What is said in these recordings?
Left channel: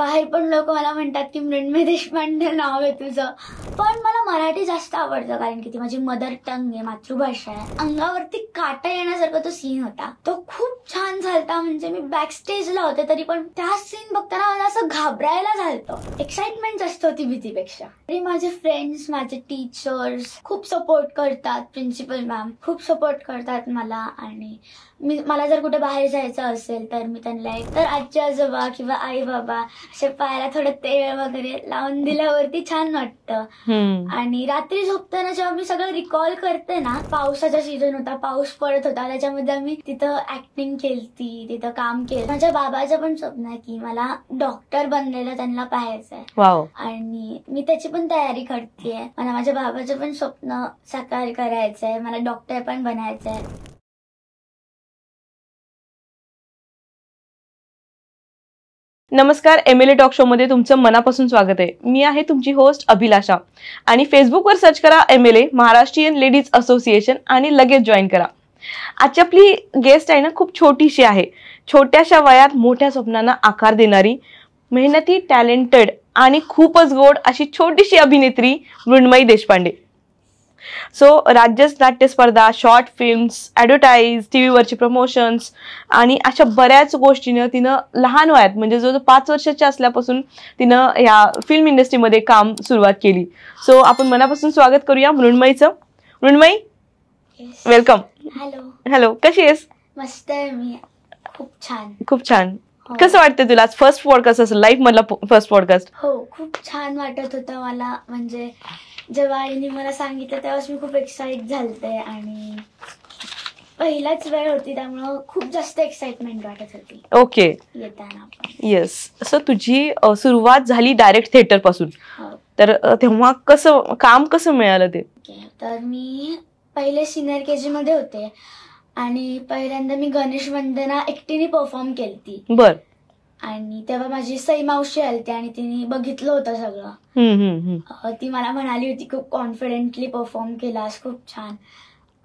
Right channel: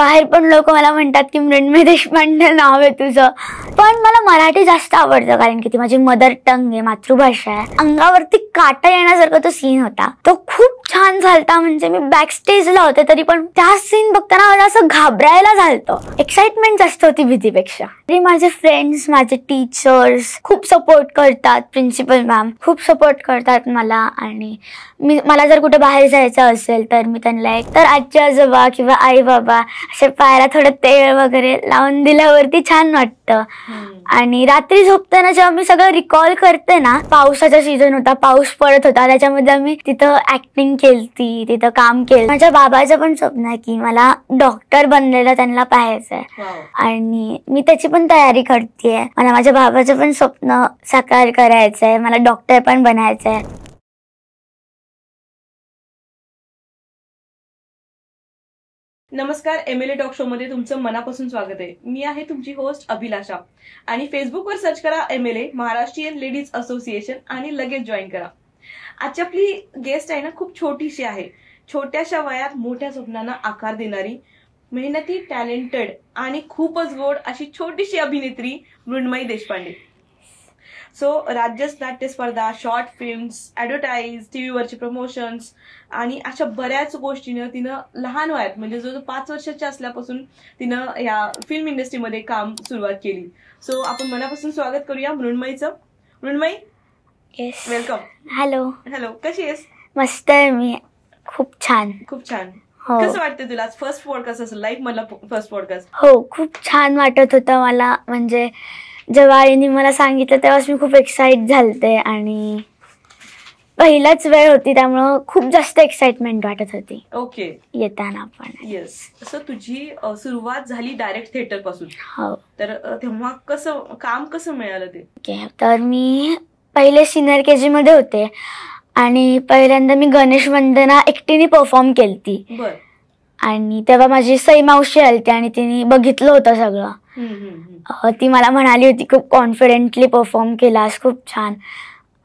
बाहेर पण लोक मला म्हणतात की मृण्मयी देशपांडे नाव आहे तुझं, पण मला मराठी जास्त आवडतं कारण की ती माझी मदर टंग आहे, मातृभाषा आहे. अंगावरती काटा येण्यासारखा तो सीन होता, तो खूप छान झालता. म्हणजे मी बॅक स्टेजला होते तरी पण त्या सीन बघताना मला असं घाबरायला झालतं. एक्साइटमेंट जास्त होती भीतीपेक्षा. तरी माझे फ्रेंड्स, माझे टीचर्स खूप सपोर्ट करतात, प्रिन्सिपल मॅम खूप सपोर्ट करतात मला. आणि मला जर कुठे बाहेर जायचं असेल तर मी त्यांना एक तर आजी आजोबा किंवा आई बाबा असे पायाला थोडं तेल वगैरे लावून दिल्यावरती छान वाटतं. आणि रात्री झोपताना जेव्हा मी सगळं रिकॉल करते ना, पावसाचा सीझन होता, पाऊस पडत होता, त्याच्यामध्ये आम्ही तिथं ऍक्टिंग केलती, तिथं काम केलं. माझ्या बाबाचं पण स्वप्न आहे की मला डॉक्टर बनलेलं त्यांना पाहायचंय आणि मी त्याची पण तयारी करतेय. मला माझ्या बाबाचं पण स्वप्न साकार करायचंय, मला डॉक्टर पण बनायचंय. नमस्कार, MLA टॉक शो मध्ये तुमचं मनापासून स्वागत आहे. मी आहे तुमची होस्ट अभिलाषा आणि फेसबुकवर सर्च करा MLA महाराष्ट्रीयन लेडीज असोसिएशन आणि लगेच जॉईन करा. आजची आपली गेस्ट आहे ना, खूप छोटीशी आहे. छोट्याशा वयात मोठ्या स्वप्नांना आकार देणारी, मेहनती, टॅलेंटेड आणि खूपच गोड अशी छोटीशी अभिनेत्री मृण्मयी देशपांडे. सो राज्य नाट्य स्पर्धा, शॉर्ट फिल्म्स, ॲडव्हर्टाईज, टीव्हीवरचे प्रमोशन्स आणि अशा बऱ्याच गोष्टीनं तिनं लहान वयात म्हणजे जो 5 वर्षाची असल्यापासून तिनं या फिल्म इंडस्ट्रीमध्ये काम सुरुवात केली. सो आपण मनापासून स्वागत करूया मृण्मयीचं. मृण्मयी, वेलकम. हॅलो. हॅलो, कशी आहेस? मस्त आहे मी, खूप छान. खूप छान. कसं वाटतं तुला? फर्स्ट पॉडकास्ट असेल, लाईफ मधला फर्स्ट पॉडकास्ट? हो, खूप छान वाटत होतं मला. म्हणजे जेव्हा आईने मला सांगितलं तेव्हाच मी खूप एक्साइट झालते आणि पहिलाच वेळ होती त्यामुळं खूप जास्त एक्साइटमेंट वाटत होती. ओके. येताना पण. येस. सो तुझी सुरुवात झाली डायरेक्ट थिएटर पासून. हो. तर तेव्हा काम कसं मिळालं ते? तर मी पहिले सिनियर KG मध्ये होते आणि पहिल्यांदा मी गणेश वंदना एकटीने परफॉर्म केलती. बर. आणि तेव्हा माझी सई मावशी आलती आणि तिने बघितलं होतं सगळं. ती मला म्हणाली होती खूप कॉन्फिडेंटली परफॉर्म केलास, खूप छान.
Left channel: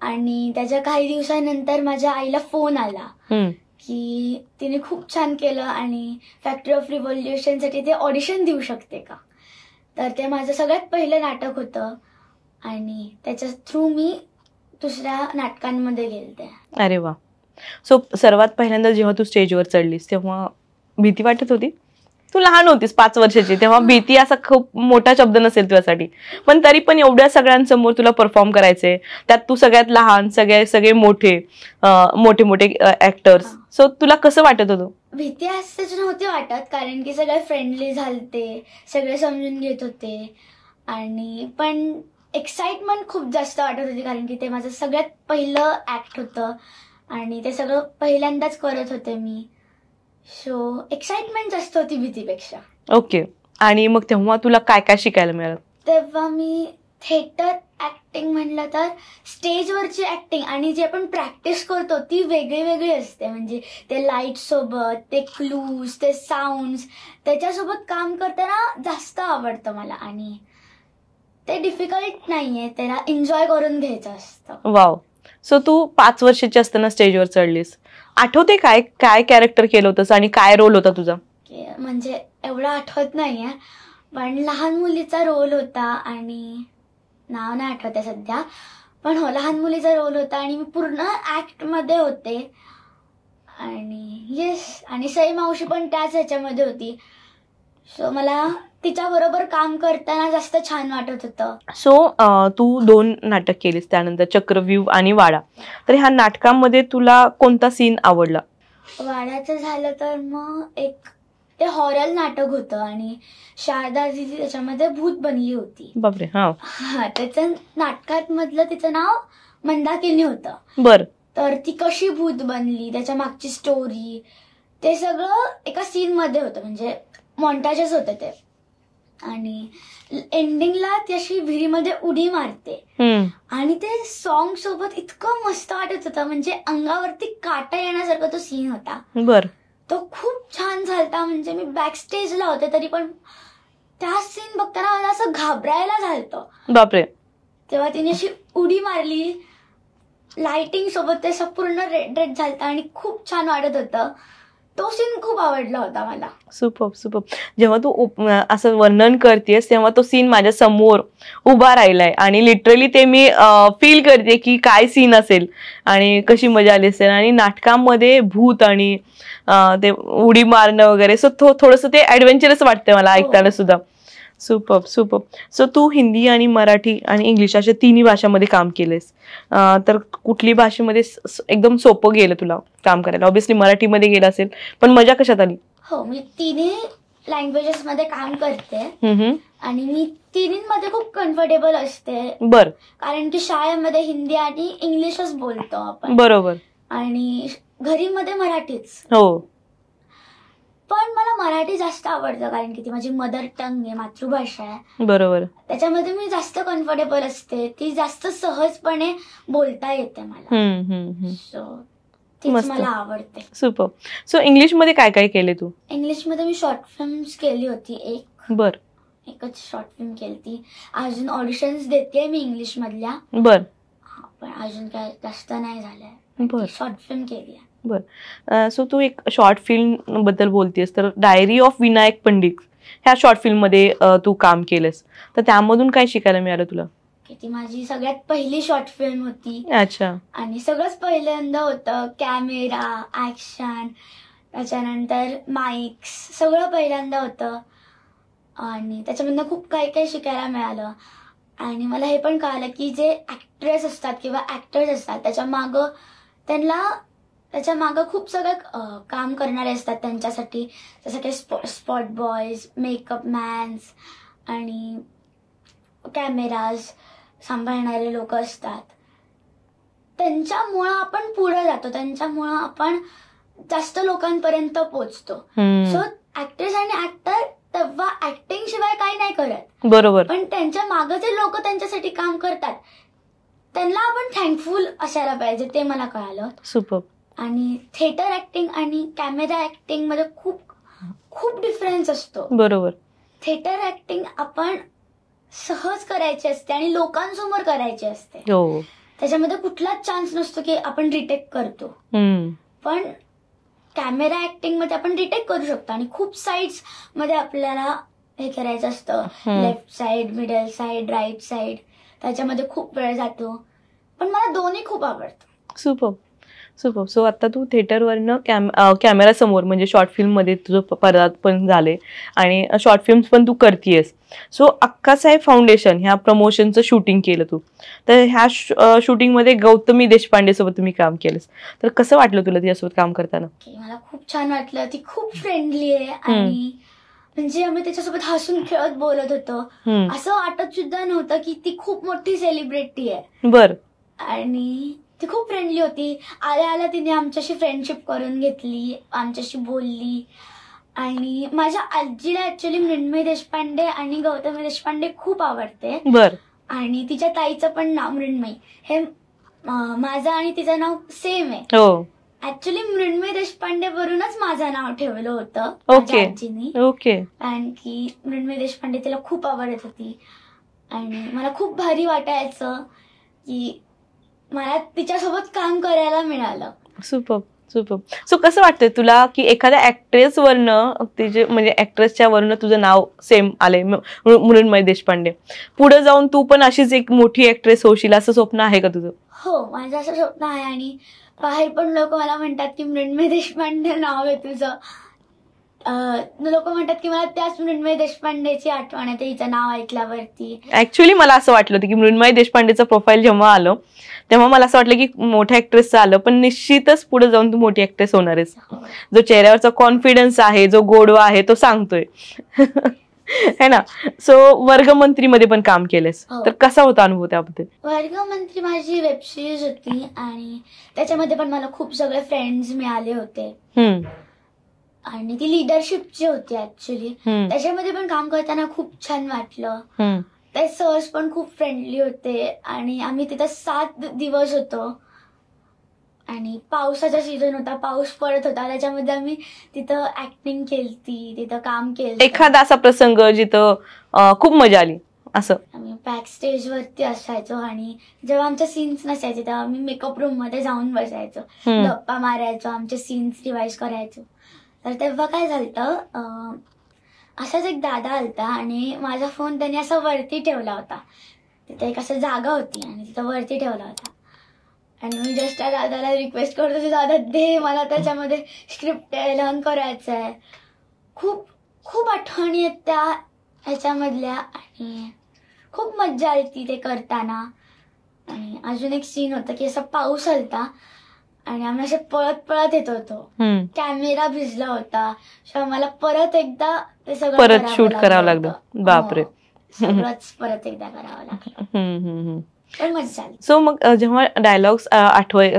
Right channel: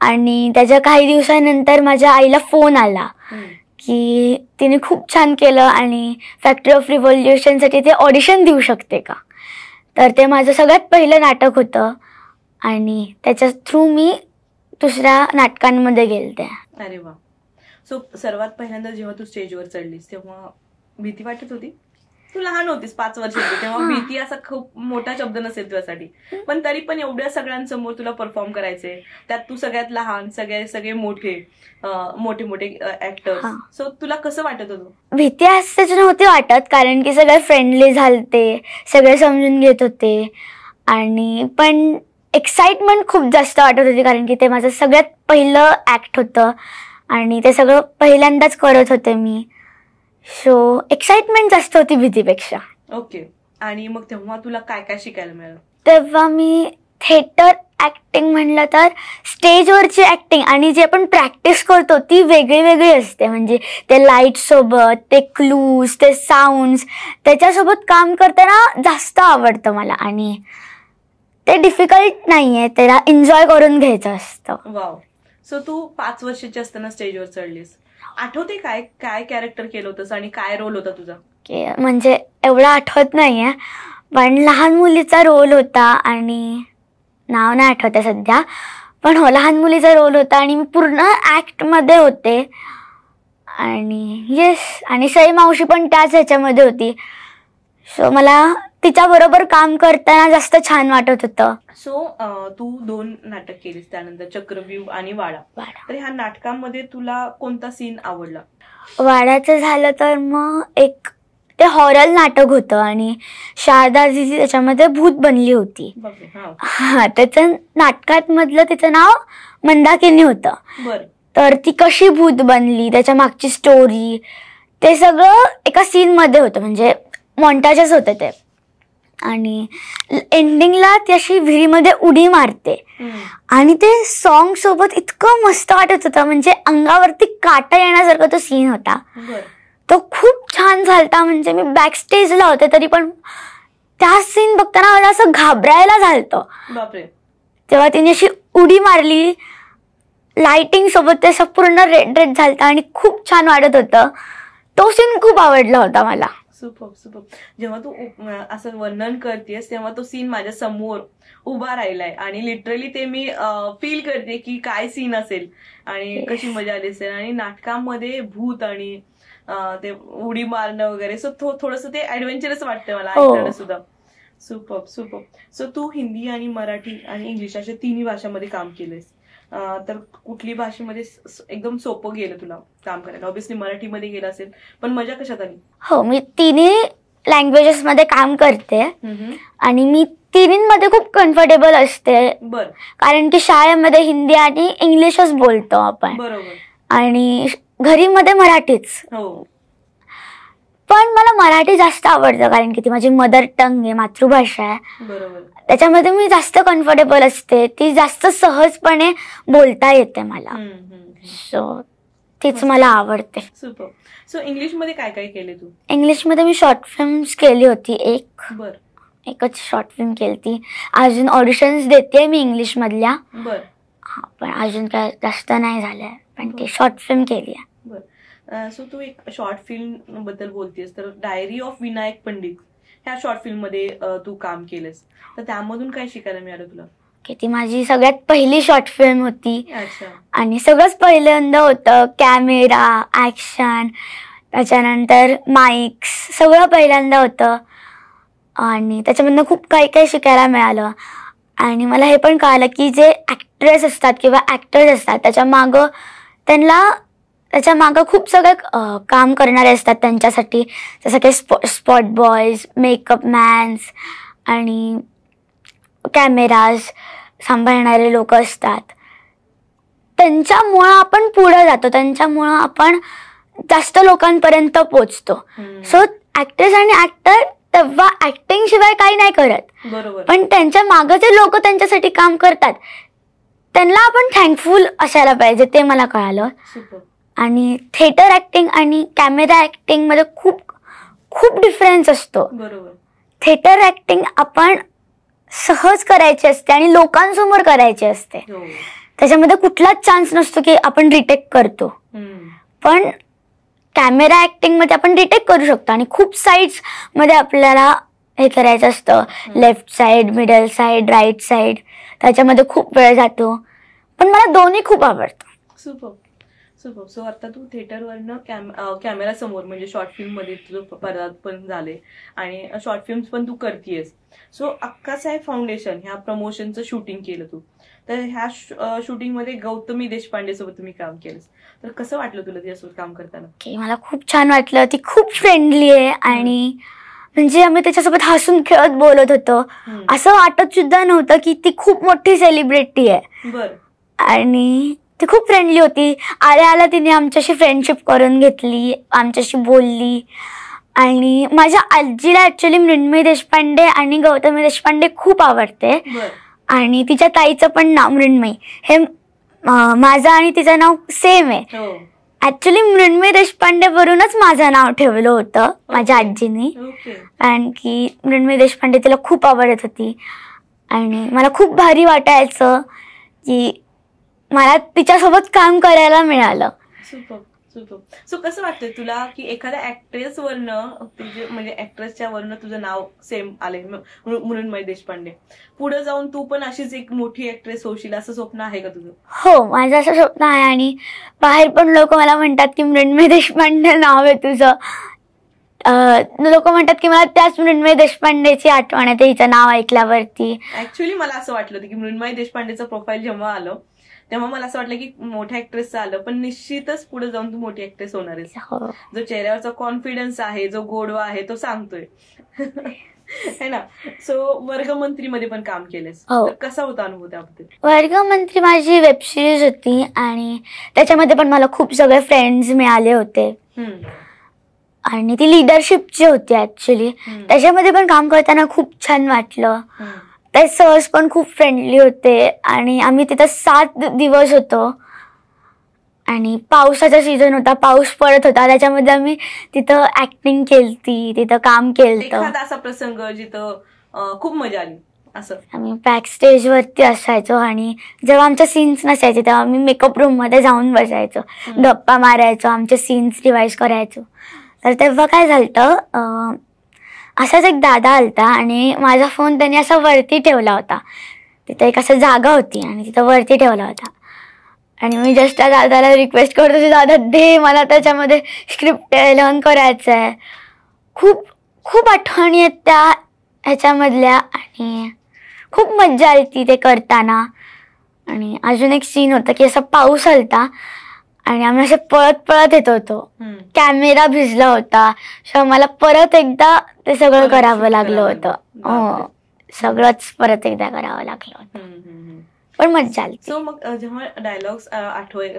आणि त्याच्या काही दिवसानंतर माझ्या आईला फोन आला की तिने खूप छान केलं आणि फॅक्टरी ऑफ रिव्होल्युशन साठी ते ऑडिशन देऊ शकते का. तर ते माझं सगळ्यात पहिलं नाटक होतं आणि त्याच्या थ्रू मी दुसऱ्या नाटकांमध्ये गेलते. अरे वा. सो सर्वात पहिल्यांदा जेव्हा तू स्टेजवर चढलीस तेव्हा भीती वाटत होती? तू लहान होतीस, 5 वर्षाची, तेव्हा भीती असा खूप मोठा शब्द नसेल तुझ्यासाठी, पण तरी पण एवढ्या सगळ्यांसमोर तुला परफॉर्म करायचंय, त्यात तू सगळ्यात लहान, सगळे मोठे ऍक्टर्स. सो तुला कसं वाटत होतं? भीती असंच नव्हती वाटत कारण की सगळे फ्रेंडली झालते, सगळे समजून घेत होते आणि पण एक्साइटमेंट खूप जास्त वाटत होती कारण की ते माझं सगळ्यात पहिलं ऍक्ट होतं आणि ते सगळं पहिल्यांदाच करत होते मी. सो एक्साइटमेंट जास्त होती भीतीपेक्षा. ओके. आणि मग तेव्हा तुला काय काय शिकायला मिळालं? तेव्हा मी थिएटर ऍक्टिंग म्हणलं तर स्टेजवरची ऍक्टिंग आणि जी आपण प्रॅक्टिस करतो ती वेगळी वेगळी असते. म्हणजे ते लाईट सोबत, ते क्लूज, ते साऊंड्स, त्याच्यासोबत काम करताना जास्त आवडतं मला आणि ते डिफिकल्ट नाहीये, त्याला एन्जॉय करून घ्यायचं असतं. वाव. सो तू 5 वर्षाची असताना स्टेजवर चढलीस, आठवते काय काय कॅरेक्टर केलं होतंस आणि काय रोल होता तुझा? म्हणजे एवढं आठवत नाहीये, पण लहान मुलीचा रोल होता आणि नाव नाही आठवते सध्या, पण हो लहान मुलीचा रोल होता आणि मी पूर्ण ऍक्ट मध्ये होते. आणि येस, आणि सई मावशी पण त्याच ह्याच्यामध्ये होती. सो मला तिच्या बरोबर काम करताना जास्त छान वाटत होतं. सो तू 2 नाटक केलीस, त्यानंतर चक्रव्यूह आणि वाडा. तर ह्या नाटकांमध्ये तुला कोणता सीन आवडला? वाड्याचं झालं तर मग एक ते हॉरर नाटक होतं आणि शारदाजी त्याच्यामध्ये भूत बनली होती. बापरे. हा, त्याचं नाटकात मधलं तिचं नाव मंदाकिनी होतं. बर. तर ती कशी भूत बनली, त्याच्या मागची स्टोरी, ते सगळं एका सीन मध्ये होतं. म्हणजे मॉन्टाजेस होते ते. आणि एंडिंगला ती अशी विहिरीमध्ये उडी मारते आणि ते सॉन्ग सोबत इतकं मस्त वाटत होतं. म्हणजे अंगावरती काटा येण्यासारखा तो सीन होता. बर. तो खूप छान झालता. म्हणजे मी बॅक स्टेजला होते तरी पण त्या सीन बघताना मला असं घाबरायला झालतं. बापरे. तेव्हा तिने अशी उडी मारली, लाइटिंग सोबत ते असं पूर्ण रेड रेड झालतं आणि खूप छान वाटत होतं. तो सीन खूप आवडला होता मला. Super super. जेव्हा तू असं वर्णन करतेस तेव्हा तो सीन माझ्या समोर उभा राहिलाय आणि लिटरली ते मी फील करते की काय सीन असेल आणि कशी मजा आली असेल. आणि नाटकामध्ये भूत आणि ते उडी मारणं वगैरे, सो थोडंसं ते ऍडव्हेंचरस वाटतंय मला ऐकताना सुद्धा. Super super. सो तू हिंदी आणि मराठी आणि इंग्लिश अशा तिन्ही भाषांमध्ये काम केलेस, तर कुठली भाषेमध्ये एकदम सोपं गेलं तुला काम करायला? ऑब्व्हियसली मराठीमध्ये गेलं असेल, पण मजा कशात आली? हो, मी तिन्ही लँग्वेजेस मध्ये काम करते आणि मी तिन्हीमध्ये खूप कम्फर्टेबल असते. बर. कारण की शाळेमध्ये हिंदी आणि इंग्लिशच बोलतो आपण. बरोबर. आणि घरी मध्ये मराठीच. हो. पण मला मराठी जास्त आवडतं कारण की ती माझी मदर टंग आहे, मातृभाषा आहे. बरोबर. त्याच्यामध्ये मी जास्त कम्फर्टेबल असते, ती जास्त सहजपणे बोलता येते मला. सो तीच मला आवडते. सुपर. सो इंग्लिश मध्ये काय काय केले तू? इंग्लिश मध्ये मी शॉर्ट फिल्म्स केली होती एक. बर. एकच शॉर्ट फिल्म केली. अजून ऑडिशन्स देते मी इंग्लिश मधल्या. बर. पण अजून काय जास्त नाही झालंय, पण ती शॉर्ट फिल्म केली आहे. बर. सो तू एक शॉर्ट फिल्म बद्दल बोलतेस, तर डायरी ऑफ विनायक पंडित ह्या शॉर्ट फिल्म मध्ये तू काम केलंस, तर त्यामधून काय शिकायला मिळालं तुला? ती माझी सगळ्यात पहिली शॉर्ट फिल्म होती. अच्छा. आणि सगळंच पहिल्यांदा होतं. कॅमेरा, ऍक्शन, त्याच्यानंतर माईक्स, सगळं पहिल्यांदा होतं. आणि त्याच्यामधनं खूप काही काही शिकायला मिळालं. आणि मला हे पण कळालं की जे ऍक्ट्रेस असतात किंवा ऍक्टर्स असतात त्याच्या मागं खूप सगळं काम करणारे असतात त्यांच्यासाठी, जसं की स्पॉट बॉयज, मेकअप मॅन्स आणि कॅमेराज सांभाळणारे लोक असतात. त्यांच्यामुळं आपण पुढे जातो, त्यांच्यामुळं आपण जास्त लोकांपर्यंत पोचतो. सो ऍक्ट्रेस आणि ऍक्टर तेव्हा ऍक्टिंग शिवाय काही नाही करत. बरोबर. पण त्यांच्या मागे जे लोक त्यांच्यासाठी काम करतात त्यांना आपण थँकफुल असायला पाहिजे, ते मला कळालं. सुपर. आणि थिएटर ऍक्टिंग आणि कॅमेरा ऍक्टिंग मध्ये खूप खूप डिफरन्स असतो. बरोबर. थिएटर ऍक्टिंग आपण सहज करायची असते आणि लोकांसमोर करायची असते. त्याच्यामध्ये कुठलाच चान्स नसतो की आपण रिटेक करतो. पण कॅमेरा ऍक्टिंग मध्ये आपण रिटेक करू शकतो आणि खूप साइड्स मध्ये आपल्याला हे करायचं असतं. Left side, middle side, right side, त्याच्यामध्ये खूप वेळ जातो. पण मला दोन्ही खूप आवडतं. Super super. सो आता तू थिएटरवरनं कॅमेरा समोर म्हणजे शॉर्ट फिल्म मध्ये तुझं पदार्पण झाले आणि शॉर्ट फिल्म्स पण तू करतीयस. सो अक्कासाहेब फाउंडेशन ह्या प्रमोशनचं शूटिंग केलं तू, तर ह्या शूटिंग मध्ये गौतमी देशपांडे सोबत तुम्ही काम केलंस, तर कसं वाटलं तुला तिच्यासोबत काम करताना? मला खूप छान वाटलं. ती खूप फ्रेंडली आहे आणि म्हणजे आम्ही त्याच्यासोबत हसून खेळत बोलत होतो. असं वाटत सुद्धा नव्हतं की ती खूप मोठी सेलिब्रिटी आहे. बर. आणि ती खूप फ्रेंडली होती. आल्या तिने आमच्याशी फ्रेंडशिप करून घेतली, आमच्याशी बोलली. आणि माझ्या आजीला ऍक्च्युली मृण्मयी देशपांडे आणि गौतमी देशपांडे खूप आवडते. बर. आणि तिच्या ताईचं पण नाव मृण्मयी, हे माझं आणि तिचं नाव सेम आहे. ऍक्च्युली मृण्मयी देशपांडे वरूनच माझं नाव ठेवलं होतं माझ्या आजीने. कारण की मृण्मयी देशपांडे तिला खूप आवडत होती आणि मला खूप भारी वाटायचं की मला तिच्यासोबत काम करायला मिळालं. Super super. सो कसं वाटतंय तुला की एखाद्या ऍक्ट्रेस वरनं तिचे म्हणजे ऍक्ट्रेसच्या वरनं तुझं नाव सेम आलंय, मृण्मयी देशपांडे, पुढे जाऊन तू पण अशीच एक मोठी ऍक्ट्रेस होशील असं स्वप्न आहे का तुझं? हो, माझं असं स्वप्न आहे. आणि बाहेर पण लोक मला म्हणतात की मृण्मयी देशपांडे नाव आहे तुझं. लोक म्हणतात की मला त्याच मृण्मयी देशपांडेची आठवण येते हिचं नाव ऐकल्यावरती. ऍक्च्युली मला असं वाटलं होतं की मृण्मयी देशपांडेचं प्रोफाईल जेव्हा आलं तेव्हा मला असं वाटलं की मोठ्या ऍक्ट्रेसचं आलं, पण निश्चितच पुढे जाऊन तू मोठी ऍक्ट्रेस होणार आहेस. जो चेहऱ्यावरचा कॉन्फिडन्स आहे, जो गोडवा आहे, तो सांगतोय है ना. सो वर्गमंत्री मध्ये पण काम केलंस, तर कसा होता अनुभव त्याबद्दल? वर्गमंत्री माझी वेब सिरीज होती आणि त्याच्यामध्ये पण मला खूप सगळे फ्रेंड्स मिळाले होते. आणि ती लिडरशिपची होती ऍक्च्युली. त्याच्यामध्ये पण काम करताना खूप छान वाटलं. ते सर्स पण खूप फ्रेंडली होते आणि आम्ही तिथं 7 दिवस होतो. आणि पावसाचा सीझन होता, पाऊस पडत होता, त्याच्यामध्ये आम्ही तिथं ऍक्टिंग केली, तिथं काम केलं. एखादा असा प्रसंग जिथं खूप मजा आली असं? आम्ही बॅक स्टेज वरती असायचो आणि जेव्हा आमच्या सीन्स नसायचे तेव्हा आम्ही मेकअप रूम मध्ये जाऊन बसायचो, गप्पा मारायचो, आमचे सीन्स रिवाइज करायचो. तर तेव्हा काय झालं, असाच एक दादा आलता आणि माझा फोन त्यांनी असा वरती ठेवला होता. तिथं एक असं जागा होती आणि तिथं वरती ठेवला होता आणि मी जस्ट त्या दादाला रिक्वेस्ट करत होते, दादा दे मला त्याच्यामध्ये स्क्रिप्ट लर्न करायचं आहे. खूप खूप आठवणी आहेत त्या ह्याच्यामधल्या आणि खूप मज्जा आली ते करताना. आणि अजून एक सीन होता की असा पाऊस आलता आणि आम्ही असे पळत पळत येत होतो. कॅमेरा भिजला होता, मला परत एकदा ते सगळं करावं लागलं होतं. सगळंच परत एकदा करावं लागलं, पण मज्जा आली. सो मग जेव्हा डायलॉग्स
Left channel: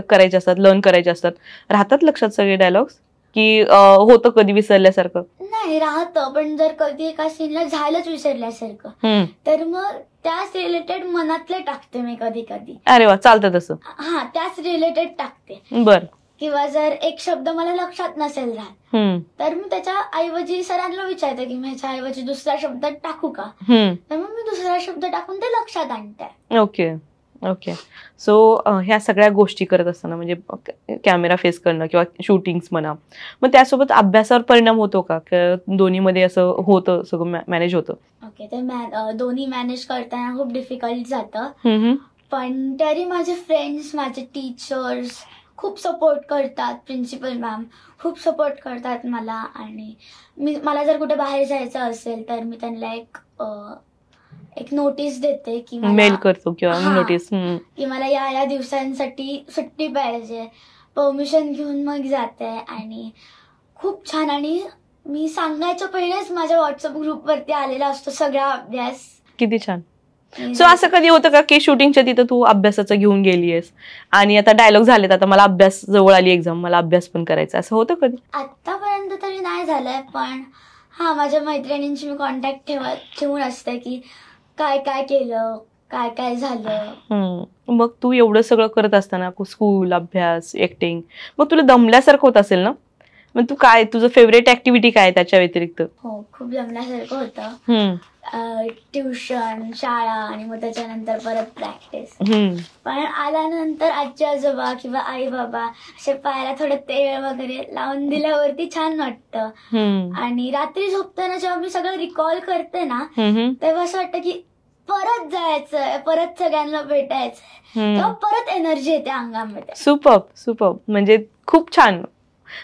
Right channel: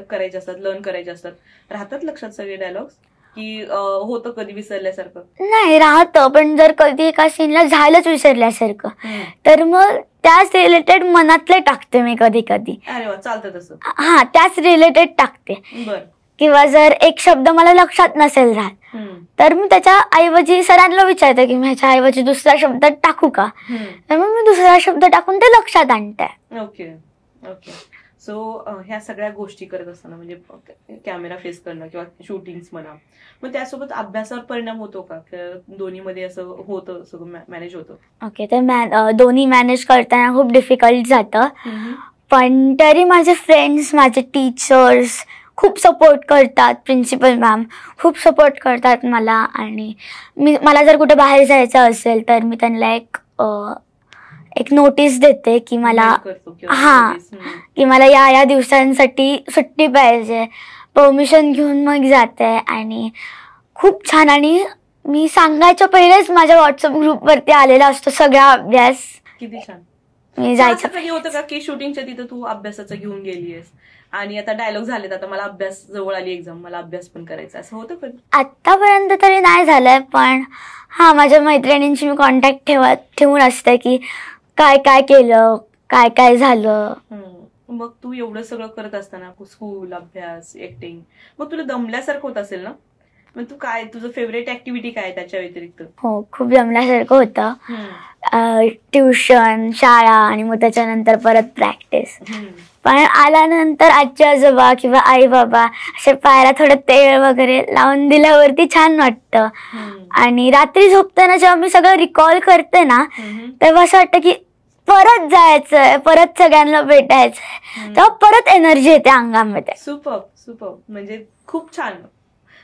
करायचे असतात, लर्न करायचे असतात, राहतात लक्षात सगळे डायलॉग्स की होतं कधी विसरल्यासारखं? नाही राहतं, पण जर कधी एका सीनला झालंच विसरल्यासारखं तर मग त्याच रिलेटेड मनातले टाकते मी कधी कधी. अरे वा, चालतं तसं? हा, त्याच रिलेटेड टाकते. बर. किंवा जर एक शब्द मला लक्षात नसेल राहत तर मी त्याच्या ऐवजी सरांना विचारते की मी ह्याच्या ऐवजी दुसरा शब्द टाकू का, तर मग मी दुसरा शब्द टाकून ते लक्षात आणते. Okay okay. सो ह्या सगळ्या गोष्टी करत असताना म्हणजे कॅमेरा फेस करणं किंवा शूटिंग्स म्हणा, मग त्यासोबत अभ्यासावर परिणाम होतो का? दोन्हीमध्ये असं होतं, सगळं मॅनेज होतं? ओके, तर दोन्ही मॅनेज करताना खूप डिफिकल्ट जातं, पण तरी माझे फ्रेंड्स, माझे टीचर्स खूप सपोर्ट करतात. प्रिन्सिपल मॅम खूप सपोर्ट करतात मला. आणि मला जर कुठे बाहेर जायचं असेल तर मी त्यांना एक नोटीस देते की मला की मला या दिवसांसाठी सुट्टी पाहिजे, परमिशन घेऊन मग जाते. आणि खूप छान, आणि मी सांगायच्या पहिलेच माझ्या व्हॉट्सअप ग्रुपवरती आलेला असतो सगळा अभ्यास. किती छान. असं कधी होतं का की शूटिंगच्या तिथं तू अभ्यासाचं घेऊन गेलीयस आणि आता डायलॉग झालेत, आता मला अभ्यास जवळ आली एक्झाम, मला अभ्यास पण करायचा, असं होतं कधी? आतापर्यंत तरी नाही झालंय, पण हा, माझ्या मैत्रिणींची मी कॉन्टॅक्ट ठेवून असते की काय काय केलं, काय काय झालं. मग तू एवढं सगळं करत असताना स्कूल, अभ्यास, ऍक्टिंग, मग तुला दमल्यासारखं होत असेल ना? मग तू काय, तुझं फेवरेट ऍक्टिव्हिटी काय त्याच्या व्यतिरिक्त? हो, खूप दमल्यासारखं होतं. ट्युशन, शाळा आणि मग त्याच्यानंतर परत प्रॅक्टिस. पण आल्यानंतर आजी आजोबा किंवा आई बाबा असे पायाला थोडं तेल वगैरे लावून दिल्यावरती छान वाटतं. आणि रात्री झोपताना जेव्हा मी सगळं रिकॉल करते ना, तेव्हा असं वाटतं की परत जायचंय, परत सगळ्यांना भेटायचंय, तेव्हा परत एनर्जी येते अंगामध्ये. सुपर. म्हणजे खूप छान.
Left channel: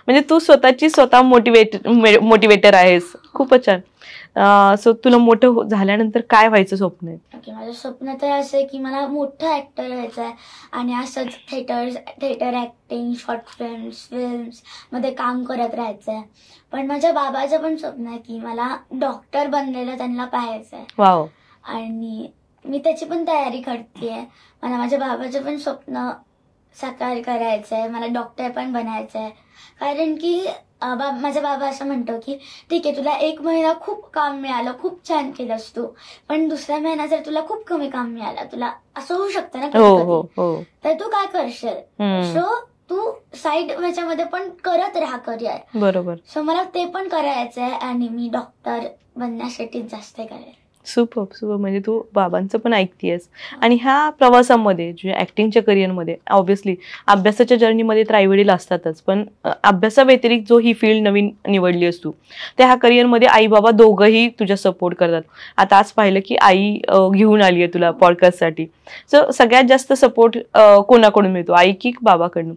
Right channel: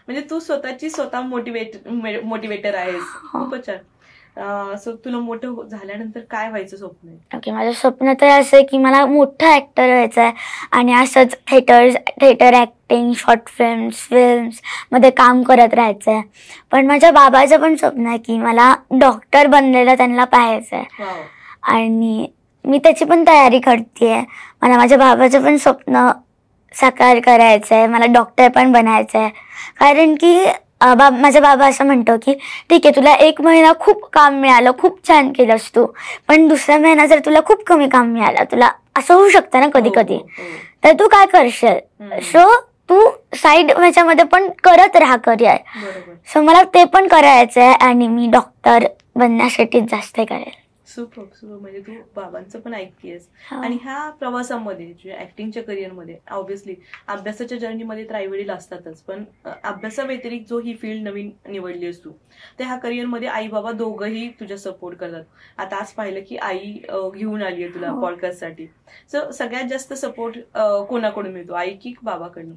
म्हणजे तू स्वतः मोटिवेटर आहेस. खूपच छान. सो तुला मोठं झाल्यानंतर काय व्हायचं स्वप्न आहे? ओके, माझं स्वप्न तर असं आहे की मला मोठं ऍक्टर व्हायचं आहे आणि असंच थिएटर ऍक्टिंग, शॉर्ट फिल्म्स मध्ये काम करत राहायचं आहे. पण माझ्या बाबाचं पण स्वप्न आहे की मला डॉक्टर बनलेलं त्यांना पाहायचं आहे. वाव. आणि मी त्याची पण तयारी करतेय. मला माझ्या बाबाचं पण स्वप्न साकार करायचं आहे, मला डॉक्टर पण बनायचं आहे. कारण की माझा बाबा असं म्हणतो की ठीक आहे, तुला 1 महिना खूप काम मिळालं, खूप छान केलंस तू, पण दुसरा महिना जर तुला खूप कमी काम मिळालं, तुला असं होऊ शकतं ना कधी कधी, तर तू काय करशील? सो तू साईड ह्याच्यामध्ये पण करत राहा करिअर. बरोबर. सो मला ते पण करायचं आहे आणि मी डॉक्टर बनण्यासाठी जास्त करेल. सुपर. म्हणजे तू बाबांचं पण ऐकतेस. आणि ह्या प्रवासामध्ये, ऍक्टिंगच्या करिअरमध्ये, ऑब्व्हियसली अभ्यासाच्या जर्नीमध्ये तर आईवडील असतातच, पण अभ्यासाव्यतिरिक्त जो ही फील्ड नवीन निवडली असतो, त्या ह्या करिअरमध्ये आई बाबा दोघंही तुझ्या सपोर्ट करतात. आता आज पाहिलं की आई घेऊन आली आहे तुला पॉडकास्टसाठी. सो सगळ्यात जास्त सपोर्ट कोणाकडून मिळतो, आई की बाबाकडनं,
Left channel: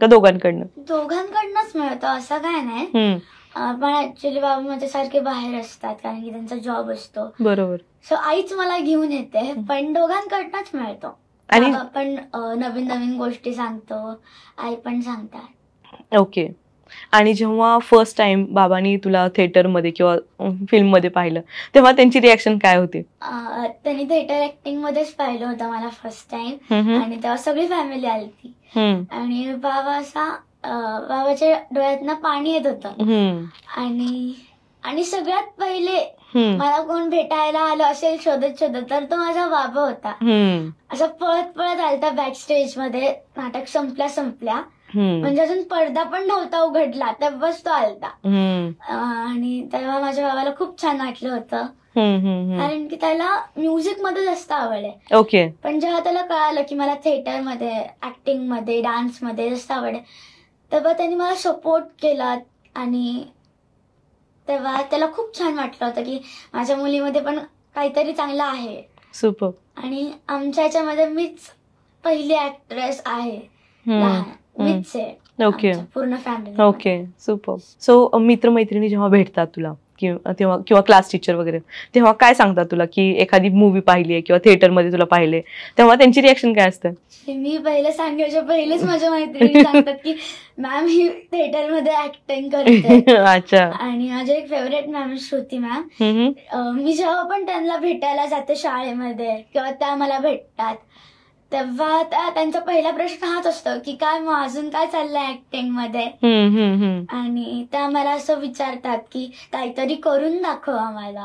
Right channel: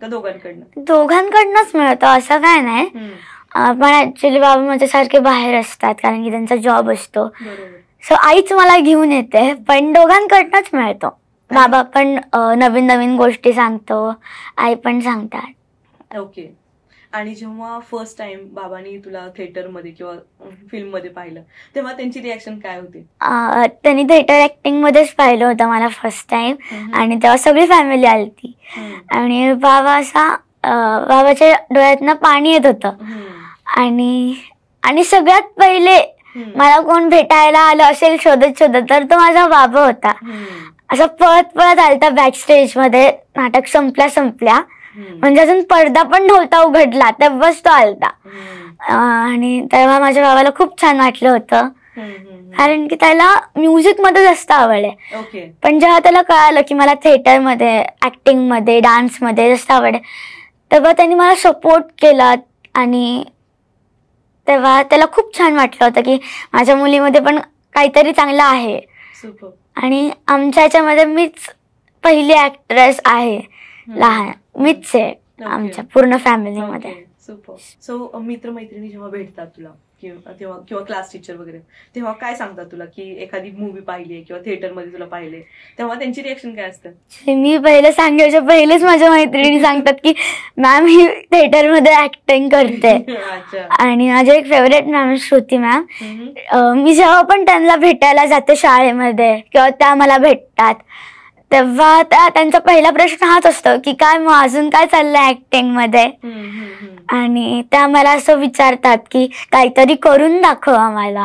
का दोघांकडनं? दोघांकडनंच मिळतो, असं काय नाही. पण ऍक्च्युली बाबा माझ्यासारखे बाहेर असतात कारण की त्यांचा जॉब असतो. बरोबर. सो आईच मला घेऊन येते, पण दोघांकडनंच मिळतो. बाबा पण नवीन नवीन गोष्टी सांगतो, आई पण सांगतात. ओके. आणि जेव्हा फर्स्ट टाइम बाबांनी तुला थिएटरमध्ये किंवा फिल्ममध्ये पाहिलं, तेव्हा त्यांची रिॲक्शन काय होती? त्यांनी थिएटर ऍक्टिंग मध्येच पाहिलं होतं मला फर्स्ट टाइम, आणि तेव्हा सगळी फॅमिली आलती. आणि बाबाच्या डोळ्यातनं पाणी येत होतं. आणि सगळ्यात पहिले मला कोण भेटायला आलं असेल शोधत तर तो माझा बाबा होता. असं पळत आलता बॅक स्टेज मध्ये. नाटक संपल्या म्हणजे अजून पडदा पण नव्हता उघडला तेव्हाच तो आलता. आणि तेव्हा माझ्या बाबाला खूप छान वाटलं होतं, कारण की त्याला म्युझिक मध्ये जास्त आवड आहे. ओके. पण जेव्हा त्याला कळालं की मला थिएटर मध्ये, ऍक्टिंग मध्ये, डान्स मध्ये जास्त आवड आहे, तेव्हा त्यांनी मला सपोर्ट केला आणि तेव्हा त्याला खूप छान वाटलं होतं की माझ्या मुलीमध्ये पण काहीतरी चांगलं आहे. सुपर. आणि आमच्या ह्याच्यामध्ये मीच पहिली ऍक्ट्रेस आहे लहान, मीच आहे आमच्या पूर्ण फॅमिली. Okay, super. सो मित्रमैत्रिणी जेव्हा भेटतात तुला किंवा क्लास टीचर वगैरे, तेव्हा काय सांगतात तुला की एखादी मूवी पाहिली आहे किंवा थिएटरमध्ये तुला पाहिले, तेव्हा त्यांची रिएक्शन काय असतं? मी पहिलं सांगायच्या पहिलेच माझ्या मैत्रिणी सांगतात की मॅम ही थिएटरमध्ये ऍक्टिंग करते. अच्छा. आणि माझे एक फेवरेट मॅम श्रुती मॅम, मी जेव्हा पण त्यांना भेटायला जाते शाळेमध्ये किंवा त्या मला भेटतात तेव्हा त्यांचा पहिला प्रश्न हाच असतो की काय मग अजून काय चाललंय ऍक्टिंग मध्ये. आणि त्या मला असं विचारतात की काहीतरी करून दाखव आम्हाला.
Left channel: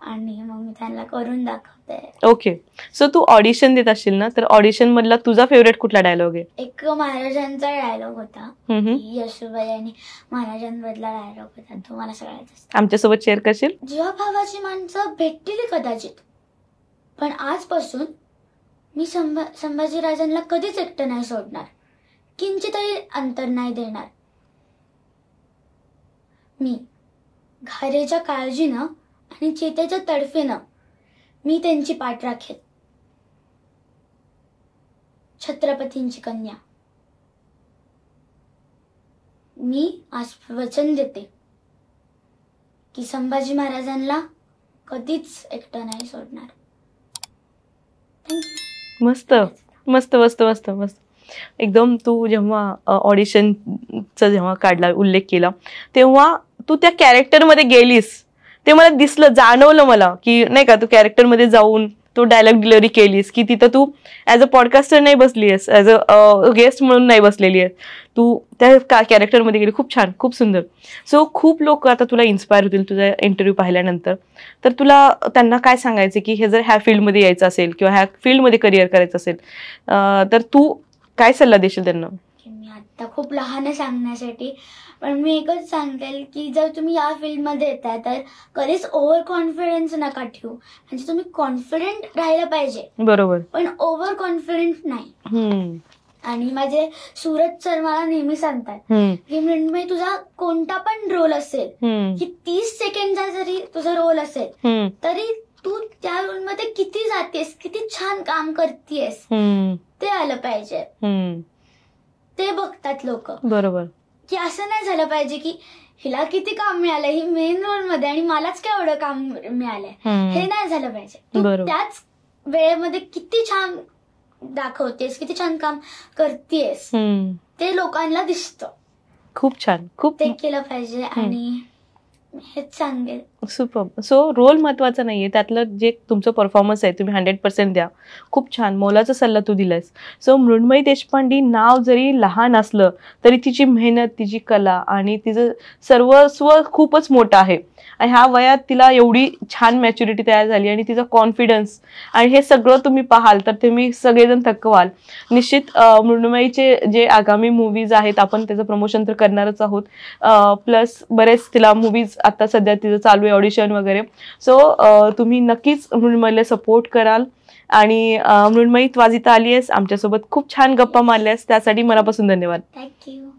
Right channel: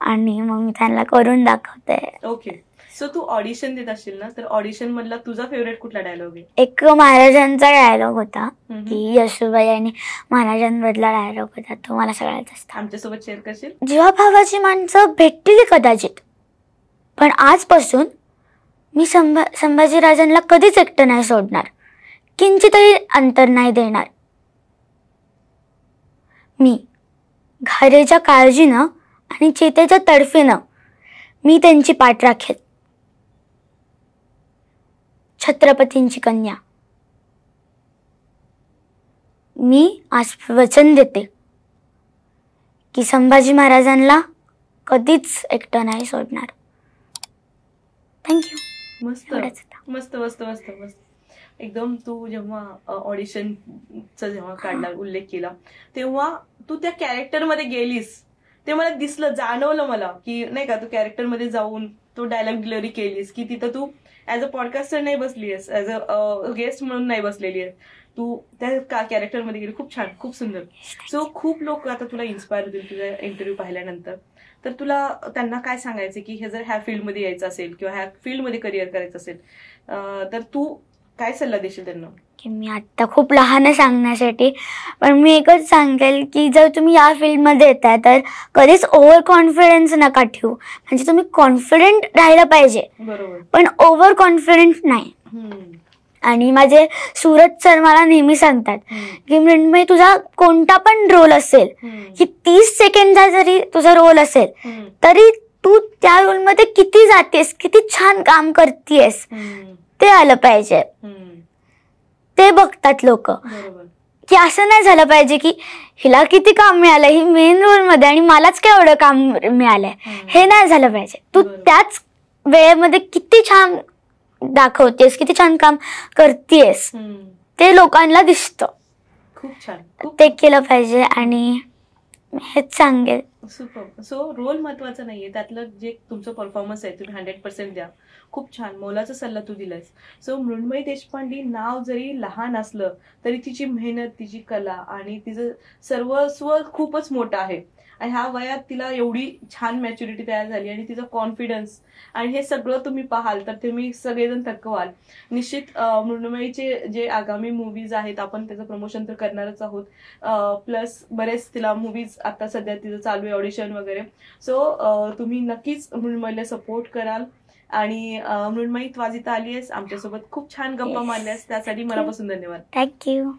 आणि मग मी त्यांना करून दाखवते. ओके. सो तू ऑडिशन देत असशील ना, तर ऑडिशन मधला तुझा फेवरेट कुठला डायलॉग आहे? एक महाराजांचा डायलॉग होता की यशोबाई आणि महाराजांमधला डायलॉग होता, तो मला सगळ्यात जास्त. आमच्यासोबत शेअर करशील? जेव्हा भावाची माणसं भेटतील कदाचित, पण आजपासून मी संभाजीराजांना कधीच एकटं नाही सोडणार, किंचितही अंतर नाही देणार. मी घारेच्या काळजीनं आणि चेतेच्या तडफेनं मी त्यांची पाठ राखेल. छत्रपतींची कन्या, मी आज वचन देते की संभाजी महाराजांना कधीच एकटं नाही सोडणार. थँक्यू. मस्त मस्त मस्त मस्त मस्त. एकदम तू जेव्हा ऑडिशनचा जेव्हा काढला, उल्लेख केला, तेव्हा तू त्या कॅरेक्टरमध्ये गेलीस, ते मला दिसलं, जाणवलं मला की नाही का, तू कॅरेक्टरमध्ये जाऊन तो डायलॉग डिलिव्हरी केलीस की तिथं तू ऍज अ पॉडकास्टर नाही बसली आहेस, ऍज अ गेस्ट म्हणून नाही बसलेली आहेस, तू त्या कॅरेक्टरमध्ये गेली. खूप छान, खूप सुंदर. सो खूप लोक आता तुला इन्स्पायर होतील तुझा इंटरव्ह्यू पाहिल्यानंतर, तर तुला त्यांना काय सांगायचं की हे जर ह्या फील्डमध्ये यायचं असेल किंवा ह्या फील्डमध्ये करिअर करायचं असेल, तर तू काय सल्ला देशील त्यांना? मी आता खूप लहान आहे सांगण्यासाठी, पण मी एकच सांगेल की जर तुम्ही या फील्डमध्ये येताय तर कधीच ओव्हर कॉन्फिडन्स नका ठेवू. म्हणजे तुम्ही कॉन्फिडंट राहिलं पाहिजे, बरोबर, पण ओव्हर कॉन्फिडंट नाही. आणि माझे सूरज सर मला नेहमी सांगतात की मृण्मयी, तुझा कोणता पण रोल असेल की 30 सेकंडचा जरी तुझा रोल असेल तरी तू त्या रोलमध्ये किती जातेस, किती छान काम करतेस ते आलं पाहिजे. ते बघतात लोक, बरोबर, की असं नाही झालं पाहिजे की हिला किती काम मिळालं, ही मेन रोल मध्ये आणि मलाच काय एवढं काम मिळालंय, हे नाही झालं पाहिजे. तू त्याच वेळेमध्ये किती छान दाखवतेस, किती छान काम करतेस, ते लोकांना दिसतं. खूप छान, खूप ते केलं पाहिजे. आणि हेच सांगेल. सुपर. सो रोल महत्वाचा नाहीये, त्यातलं जे तुमचं परफॉर्मन्स आहे तुम्ही 100% द्या. खूप छान मोलाचा सल्ला तू दिलायस. सो मृण्मयी देशपांडे नाव जरी लहान असलं तरी तिची मेहनत, तिची कला आणि तिचं सर्वस्व खूपच मोठं आहे. आणि ह्या वयात तिला एवढी छान मॅच्युरिटी तयार झाली आणि तिचा कॉन्फिडन्स आणि हे सगळं तुम्ही पाहाल तर तुम्ही सगळेजण थक्क व्हाल. निश्चित मृण्मयीचे जे आगामी मूवीज आहेत आपण त्याचं प्रमोशन तर करणारच आहोत, प्लस बरेच तिला मूवीज आता सध्या तिचं चालू आहे, ऑडिशन वगैरे. सो तुम्ही नक्कीच मृण्मयीला सपोर्ट कराल. आणि मृण्मयी, तू आज इथं आली आहेस, आमच्यासोबत खूप छान गप्पा मारल्यास, त्यासाठी मनापासून धन्यवाद. थँक्यू.